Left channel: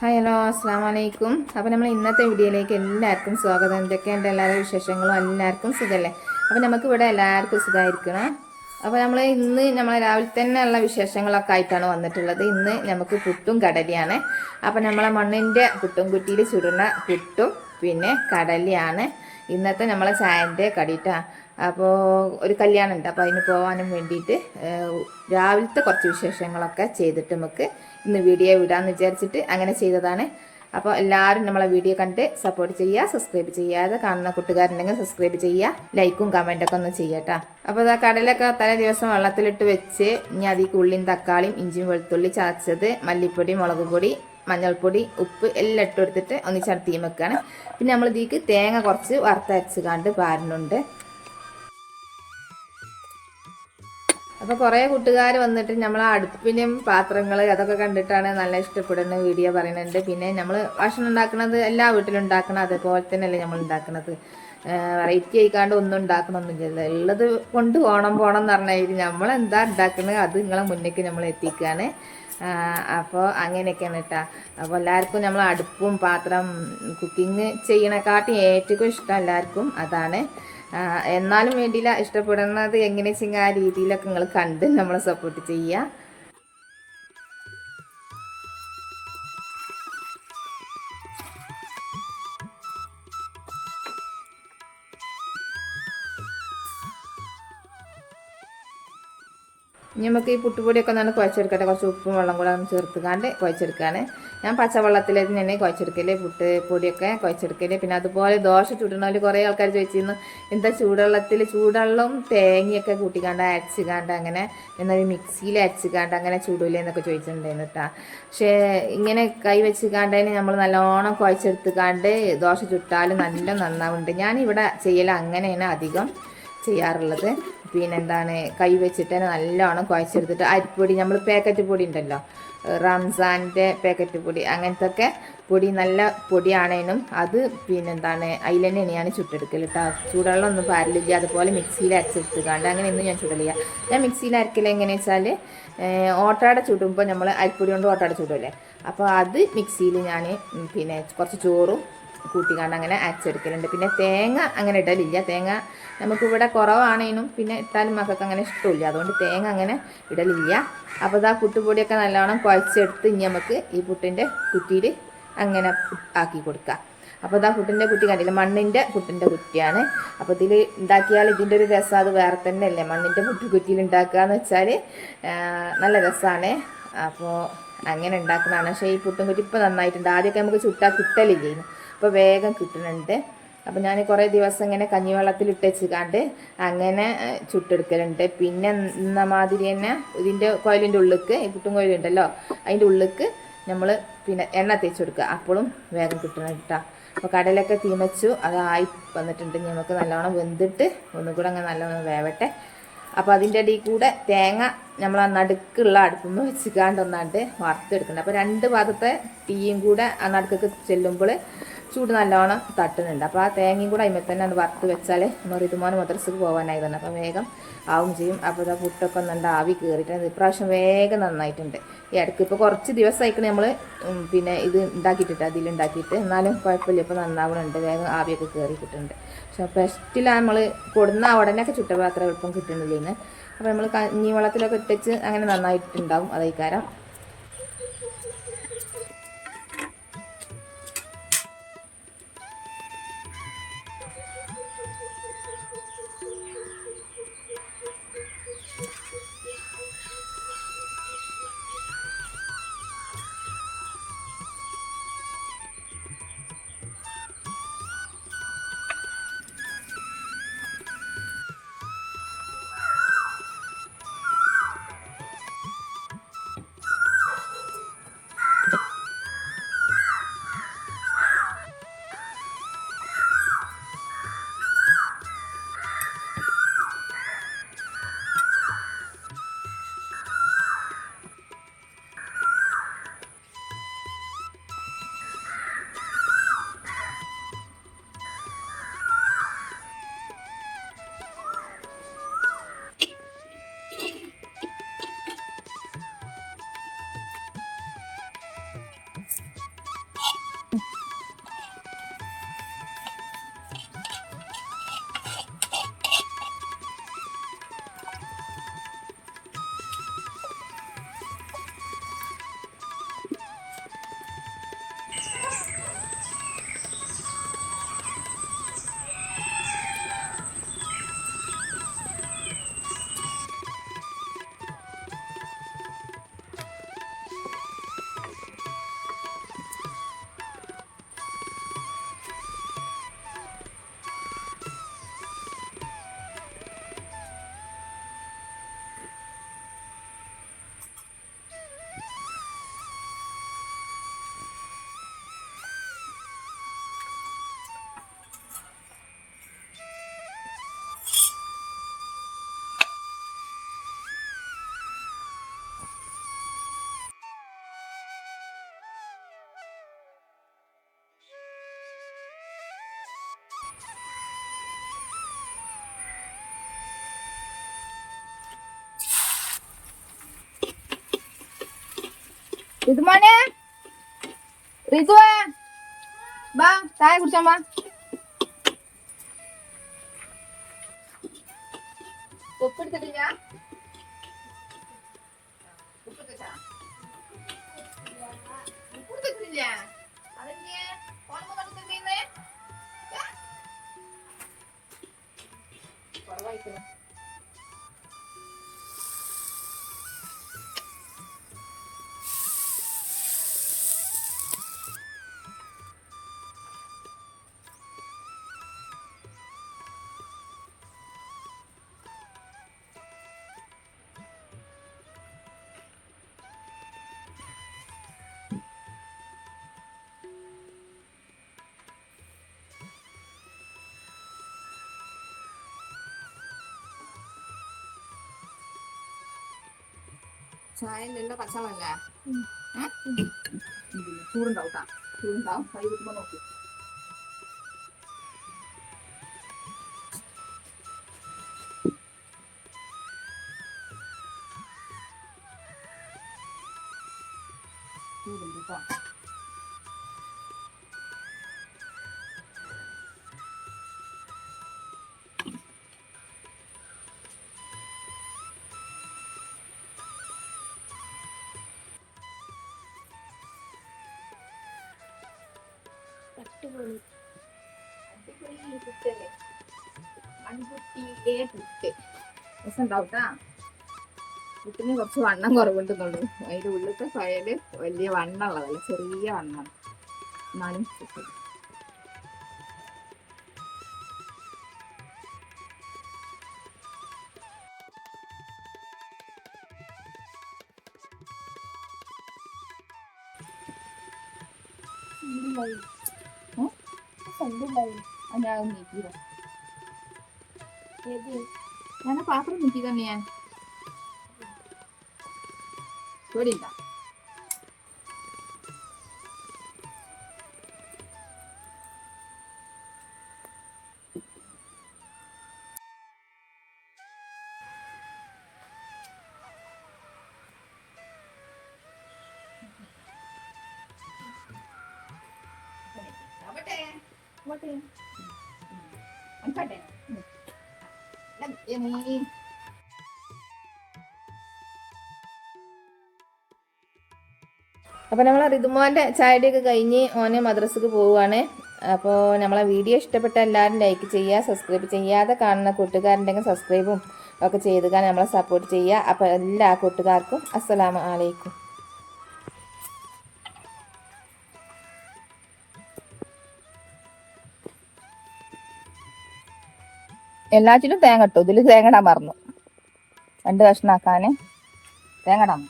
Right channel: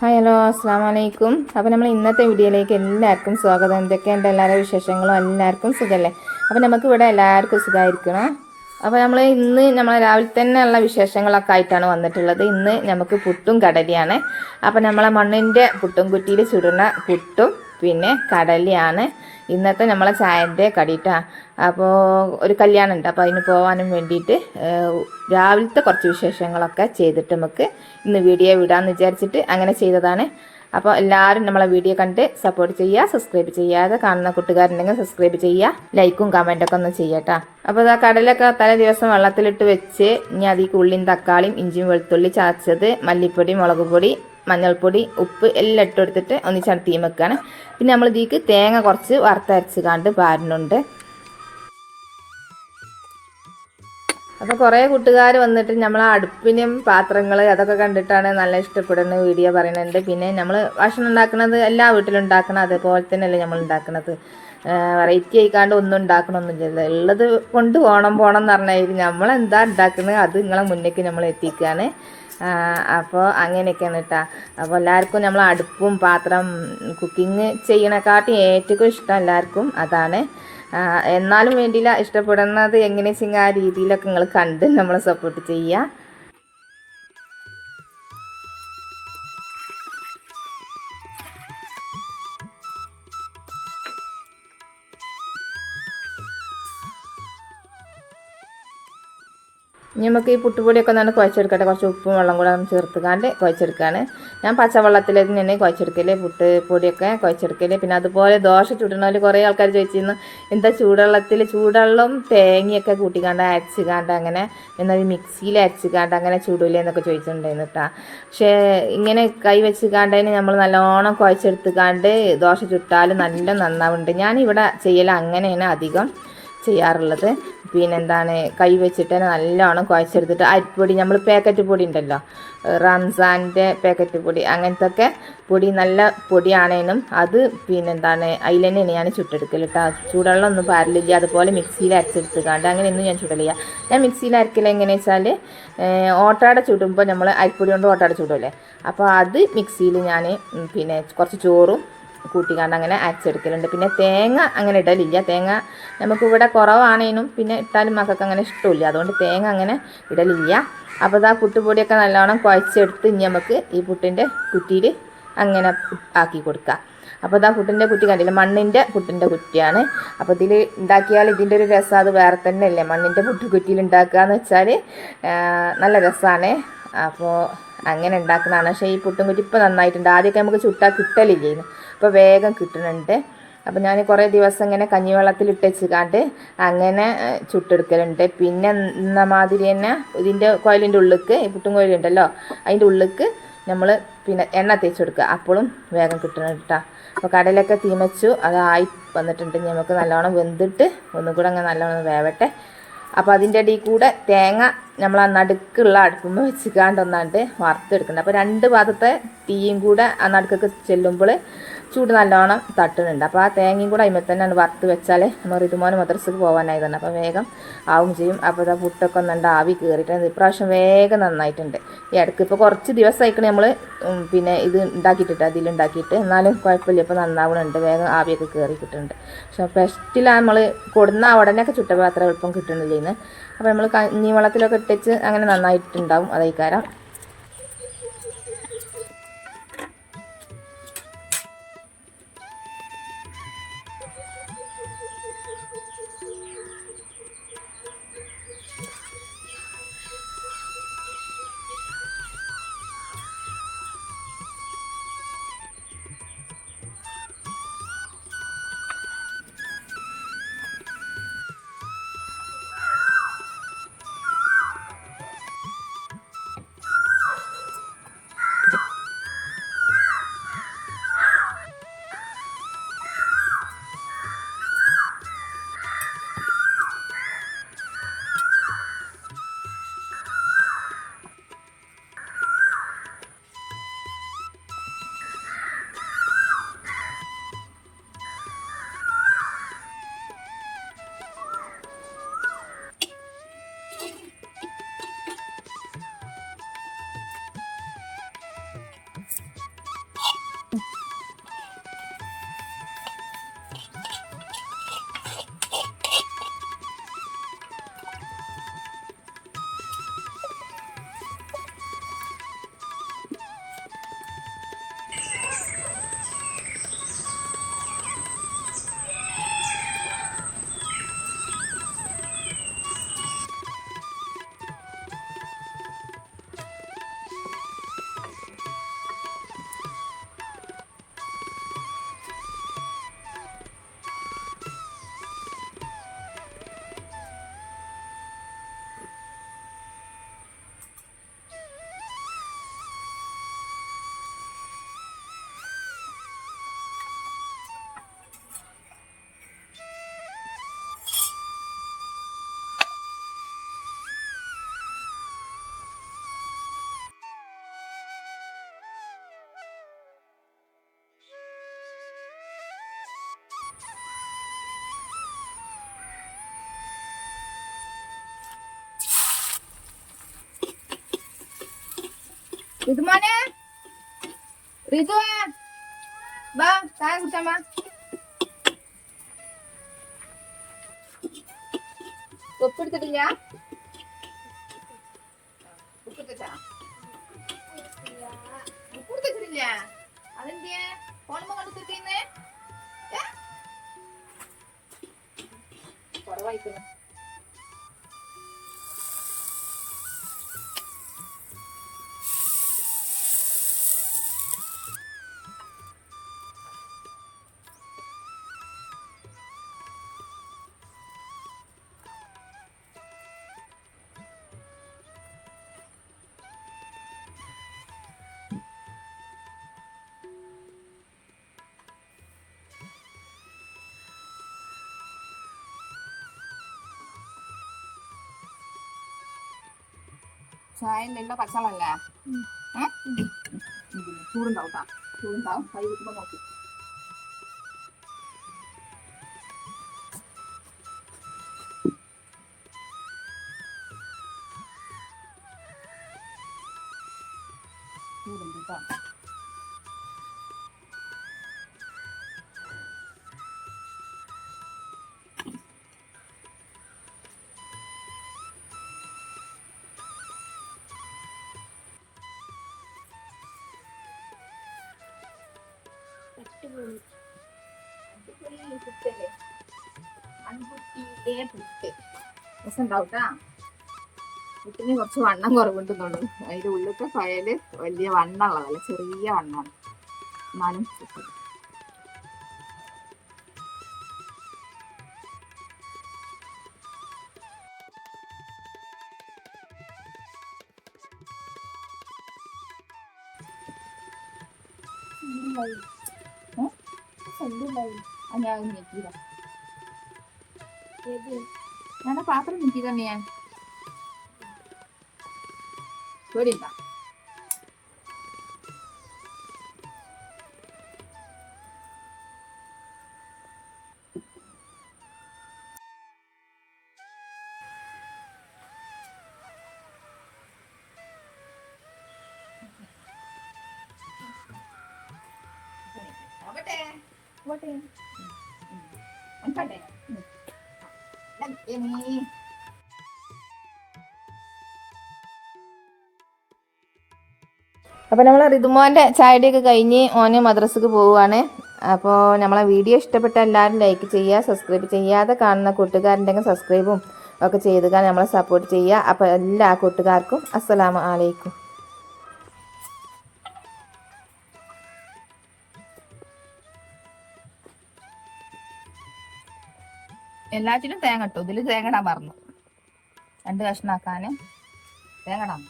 Hi hello അസ്സാം വലൈക്കും. അപ്പോൾ നമ്മൾ ഇന്നത്തെ വീഡിയോയിലേക്ക് എല്ലാവർക്കും സ്വാഗതം. എന്തൊക്കെയുണ്ട് എല്ലാവരുടെ വിശേഷങ്ങളും? എല്ലാവർക്കും സുഖമല്ലേ? അപ്പോൾ നമുക്കിവിടെ എല്ലാവർക്കും സുഖമായിരിക്കണം. അപ്പോൾ നമ്മൾ രാവിലെ തന്നെ ഉള്ള വിശേഷങ്ങളൊക്കെ ആയിട്ടാണ് വന്നിട്ടുള്ളത്. ഇന്ന് നമുക്ക് പുട്ടും കടലയാണ്. അപ്പോൾ നമ്മളെ മണ്ണിൻ്റെ പുട്ടും കുറ്റിയിൽ ചുടുന്ന പുട്ടും പിന്നെ കടലയാണ് ഇന്നത്തെ നമ്മളെ ചായൻ്റെ കടിയിട്ടാണ്. അപ്പോൾ ഒരു കല്യാണം ഉണ്ട്, അപ്പോൾ അതിന് പോകാനും വേണ്ടിയിട്ട് രാവിലത്തെ കുറച്ച് വിശേഷങ്ങളൊക്കെ ചെയ്തിട്ട് നമുക്ക് ഇന്ന് വീഡിയോ വിടാമെന്ന് വിചാരിച്ചിട്ട് അങ്ങനെ ചെയ്തതാണ്. അപ്പോൾ എല്ലാവരും നമ്മളെ വീഡിയോ കണ്ട് സപ്പോർട്ട് ചെയ്യുക. സബ്സ്ക്രൈബ് ചെയ്യാതെ കാണുന്ന കൂട്ടുകാരുണ്ടെങ്കിൽ സബ്സ്ക്രൈബ് ചെയ്യുക, ലൈക്കും കമൻറ്റൊക്കെ ഒന്ന് ചെയ്യട്ടോ. അപ്പോൾ ഇതാ കടലൊക്കെ തലേ ദിവസം വെള്ളത്തിലിട്ട് വെച്ച് ഇനി അതിലേക്ക് ഉള്ളിയും തക്കാളിയും ഇഞ്ചിയും വെളുത്തുള്ളി ചതച്ചത്, മല്ലിപ്പൊടി, മുളക് പൊടി, മഞ്ഞൾപ്പൊടി, ഉപ്പ് എല്ലാം ഇട്ട് കൊടുത്തിട്ട് ഒന്നിച്ചാണ് തീ വെക്കുകയാണ്. പിന്നെ നമ്മൾ ഇതിലേക്ക് തേങ്ങ കുറച്ച് വറുത്തരച്ച് കണ്ട് പാരുന്നുണ്ട്. അപ്പോൾ കുറേ കൂട്ടുകാർ വന്നിട്ട് നമ്മൾ അടുപ്പിലും പാത്രങ്ങൾ അതൊക്കെ കണ്ടിട്ടാണ് നല്ല ഇഷ്ടപ്പെടുന്ന വീഡിയോ പറയുന്നുണ്ട്. പിന്നെ നമ്മൾ ഭക്ഷണം ഉണ്ടാക്കുന്നത് എല്ലാ വീട്ടിലും ഉണ്ടാക്കണം, അതേപോലെ തന്നെയല്ലേ നമ്മൾ ഉണ്ടാക്കുന്നത്. വെറൈറ്റി ആയിക്കാണ്ട് ഒന്നും ഉണ്ടാക്കണമെന്നില്ലല്ലോ, ഉള്ളത് കൊണ്ട് പോകണം എന്ന് പറഞ്ഞാൽ നമ്മളെന്താ ഉണ്ടാക്കുന്നത് അത് നിങ്ങളെ മുന്നേക്ക് നമ്മൾ എത്തിക്കുകയാണ്. അപ്പോൾ അങ്ങനെയൊക്കെയാണ് കേട്ടോ. അപ്പോൾ എല്ലാവർക്കും നമ്മൾ അടുപ്പും പാത്രം കുക്കിങ് ചെയ്യണേക്കാട്ടും ഏറ്റവും ഇഷ്ടം എല്ലാവർക്കും അതാണ്. എന്നാലും വേണ്ടിയില്ല, ഇഷ്ടപ്പെടുന്നത് എങ്ങനെ വെച്ചാൽ ആ രീതിയിലൊക്കെ നിങ്ങൾ കണ്ട് നമ്മളെ സപ്പോർട്ട് ചെയ്യുക. ഇനി നമുക്ക് ഈ പുട്ടുപൊടിയൊക്കെ ഒന്ന് കുഴച്ചെടുക്കട്ടെ. കുറച്ച് ഉപ്പും വെള്ളം കൂടെ ചേർത്തുകാണ്ട് കുഴച്ചെടുക്കുകയാണ്. ഞാൻ പച്ചവെള്ളത്തിൽ തന്നെ കുഴച്ചെടുക്കൽ, പുട്ട് പൊടിയൊക്കെ കുഴച്ചെടുക്കൽ. പിന്നെ അതുപോലെ ദോശ ചുടണോല് കുറേ ആൾക്കാർ ചോദിച്ചിരുന്നു എന്താ ചൂടുവെള്ളം തേങ്ങയൊക്കെ കൂട്ടിക്കാണ്ട് അരച്ചുകാണ്ട് അങ്ങനെ എന്നാൽ മിക്സിയിൽ അരച്ചുകാണ്ട് അങ്ങനെ ചൂടില്ലേ എന്നൊക്കെ ചോദിച്ചിട്ടുണ്ടായിരുന്നു കേട്ടോ. പക്ഷേ ഇങ്ങനെ കൈ വെച്ചുകാണ്ടതിന് നമ്മൾ നല്ലോണം കുഴച്ചെടുത്തുകാണ്ട് ദോശ ചുട്ടാൽ നല്ല നന്നാവുന്നുണ്ട്. ഞാനിവിടെ ചെയ്യൽ അങ്ങനെയാണ് അധികം ചെയ്യാറുള്ളത്. പിന്നെന്താണ്, കൈ വെച്ചിട്ട് തന്നെ നല്ലോണം കുഴച്ചെടുത്തിട്ട് അരിപ്പൊടി, നമ്മൾ പാക്കറ്റ് പൊടി ഉണ്ടല്ലോ, റംസാൻ്റെ പാക്കറ്റ് പൊടി, അങ്ങനത്തെ ഒക്കെ പൊടി നല്ല പൊടിയാണേനും അത് പിന്നെന്താണ് അതിൽ തന്നെയാണ് ഞാൻ ചുട്ടെടുക്കൽ കേട്ടോ. ചൂടുവെള്ളം ഒന്നും പാരില്ല. അതുപോലെ മിക്സിയിൽ അരച്ചെടുത്തുകാണ്ട് അങ്ങനെയൊന്നും ഞാൻ ചുടലില്ല. ഞാൻ മിക്സിയിൽ അരക്കൽ എങ്ങനെയാണെന്ന് വെച്ചാൽ ഓട്ടാട ചുടുമ്പോൾ നമ്മൾ അരിപ്പൊടി കൊണ്ട് ഓട്ടാട ചുടുമല്ലേ, അപ്പോൾ അത് മിക്സിയിൽ ഞാൻ പിന്നെ കുറച്ച് ചോറും കൂട്ടിക്കാണ്ട് അങ്ങനെ അരച്ചെടുക്കലുണ്ട്. പിന്നെ തേങ്ങ അങ്ങനെ ഇടലില്ല. തേങ്ങ നമുക്കിവിടെ കുറവാണേനും പിന്നെ ഇട്ടാലും മക്കൾക്ക് അങ്ങനെ ഇഷ്ടമില്ല, അതുകൊണ്ട് തേങ്ങ അങ്ങനെ ഇടലില്ല. അപ്പോൾ ഇതാ പുട്ടുപൊടിയൊക്കെ നല്ലോണം കുഴച്ചെടുത്ത് ഇനി നമുക്ക് ഈ പുട്ടിൻ്റെ കുറ്റിയിൽ അങ്ങനെ ആക്കി കൊടുക്കാം. അപ്പോൾ ഇതാ പുട്ടിൻ്റെ കുറ്റി കണ്ടില്ല, മണ്ണിൻ്റെ പുട്ടിൻ്റെ കുറ്റിയാണ്. അപ്പോൾ ഇതിൽ ഉണ്ടാക്കിയാൽ ഇതിൻ്റെ ഒരു രസം അത് വേറെ തന്നെ അല്ലേ. മണ്ണിൻ്റെ പുട്ടുകുറ്റിയിൽ ഉണ്ടാക്കുക എന്ന് വെച്ചാൽ നല്ല രസമാണ്. അപ്പോൾ അങ്ങനെ ഉണ്ടാക്കുന്നതാണ്. പക്ഷേ ഈ പുട്ടും കുറ്റി ഇപ്പോൾ നന്നായിട്ടുണ്ട്. ആദ്യമൊക്കെ നമുക്ക് ചുട്ടാൽ കിട്ടലില്ലായിരുന്നു, അപ്പോൾ വേഗം കിട്ടുന്നുണ്ട്. അപ്പോൾ ഞാൻ കുറേ ദിവസം ഇങ്ങനെ കഞ്ഞിവെള്ളത്തിലിട്ട് വെച്ചുകാണ്ട് അങ്ങനെ ചുട്ടെടുക്കലുണ്ട്. പിന്നെ എന്ന മാതിരി തന്നെ ഇതിൻ്റെ കോയിലിൻ്റെ ഉള്ളിലേക്ക്, ഈ പുട്ടും കോയിലുണ്ടല്ലോ അതിൻ്റെ ഉള്ളിലേക്ക് നമ്മൾ പിന്നെ എണ്ണ തേച്ച് കൊടുക്കുക, അപ്പോഴും വേഗം കിട്ടുന്നുണ്ട് കേട്ടോ. അപ്പോൾ കടലൊക്കെ തീമച്ചു അതായി വന്നിട്ടുണ്ട്. നമുക്ക് നല്ലോണം വെന്തിട്ട് ഒന്നുകൂടെ അങ്ങനെ നല്ലോണം വേവട്ടെ. അപ്പോൾ അതിൻ്റെ ഇടയിൽ കൂടെ തേങ്ങ നമ്മൾ ആ നടുക്കുള്ള അടുപ്പുമ്പോൾ വെച്ചിക്കാണ്ട് ഒന്നാണ്ട് വറുത്തെടുക്കുന്നുണ്ട്. അപ്പോൾ രണ്ട് ഭാഗത്തെ തീയും കൂടെ ആ നടുക്കൊക്കെ ചെല്ലുമ്പോൾ ചൂട് നല്ലോണം തട്ടുന്നുണ്ട്. അപ്പോൾ ആ തേങ്ങയും കൂടെ അതിന്മേൽ തന്നെ വറുത്ത് വെച്ചാൽ നമ്മൾ ഋതുമോന് മദ്രസക്ക് പോകാനായി തന്നെ അപ്പോൾ വേഗം ആവും ചെയ്യും. അപ്പോൾ ഇതാ പുട്ടൊക്കെ ഒന്നുണ്ട് ആവി കയറിയിട്ടുണ്ട്. ഇപ്രാവശ്യം വേഗം നന്നായിട്ടുണ്ട്. ഈ ഇടയ്ക്ക് ഇപ്പോൾ കുറച്ച് ദിവസമായിക്കണേ നമ്മൾ പിന്നെ ഇത് ഉണ്ടാക്കിയിട്ടിട്ട് അതിലുണ്ടാക്കിയിട്ട്, എന്നാലും കുഴപ്പമില്ല, ഇപ്പോൾ നന്നാവുന്നുണ്ട്, വേഗം ആവിയൊക്കെ കയറി കിട്ടുന്നുണ്ട്. പക്ഷേ ഫസ്റ്റിൽ നമ്മൾ കൊടുന്ന ഉടനെയൊക്കെ ചുട്ടപ്പോൾ അത്ര എളുപ്പം കിട്ടുന്നില്ലേന്ന്. അപ്പോൾ നമ്മൾ കഞ്ഞി വെള്ളത്തിലൊക്കെ ഇട്ടിച്ച് അങ്ങനെ നന്നായിട്ടുണ്ടാവും അതേക്കാരം. ഋതുമോനെ, ഋതുവേ, വാ ചായ കുടിച്ചാ. തൊപ്പെടുത്തിട്ടില്ല, ഉപ്പെടുത്തിട്ടില്ല. അതെന്തിയെ ഫോണുമ്പോ കണ്ടിട്ടിരിക്കുന്നേ? കുറവായിക്കുന്നു. ചായയിലുള്ള പച്ചവെള്ളല്ല ചൂടുണ്ടാവും. ചൂടുണ്ടാവും. കൈ കുത്തുമ്പോ നോക്കി. ചൂടുണ്ട് കേട്ടോ. പുട്ടല്ലേ, മൺകുട്ടിയിലെ പുട്ട് രസം ഉണ്ടാവൂട്ടാ. പുട്ടിന് കുറച്ച് വണ്ണം കുറവുണ്ടെന്നുള്ളൂ. അതിൻ്റെ ഉള്ളിലത്തെ ഫയല് വലിയ വണ്ണമുള്ളതല്ല, ചെറിയ വണ്ണമാണ്. എന്നാലും ഞാൻ പാത്രം നീക്കി തന്നെയാ പേടിയില്ല. അപ്പോൾ നമ്മൾ ഋതുമോൻ്റെ ചായയുടെയൊക്കെ കഴിഞ്ഞ് ഓന് മദ്രസക്ക് പോവുകയാണ്. അപ്പോൾ നമ്മളെ വീഡിയോ ഇഷ്ടപ്പെട്ട എല്ലാവരും ലൈക്ക് ചെയ്യുക, സബ്സ്ക്രൈബ് ചെയ്യാതെ കാണുന്ന കൂട്ടുകാരുണ്ടെങ്കിൽ സബ്സ്ക്രൈബും ഒക്കെ ചെയ്ത് നമ്മളെ സപ്പോർട്ട് ചെയ്യുക. അപ്പോൾ എല്ലാ കൂട്ടുകാർക്കും അസ്സലാമു അലൈക്കും. എല്ലാറ്റിലും തേങ്ങ ഇട്ടു. ഇതിൽ തേങ്ങ ഇടാൻ മറന്നു. 2 കഷ്ണാക്കാൻ തേങ്ങ ഇടാൻ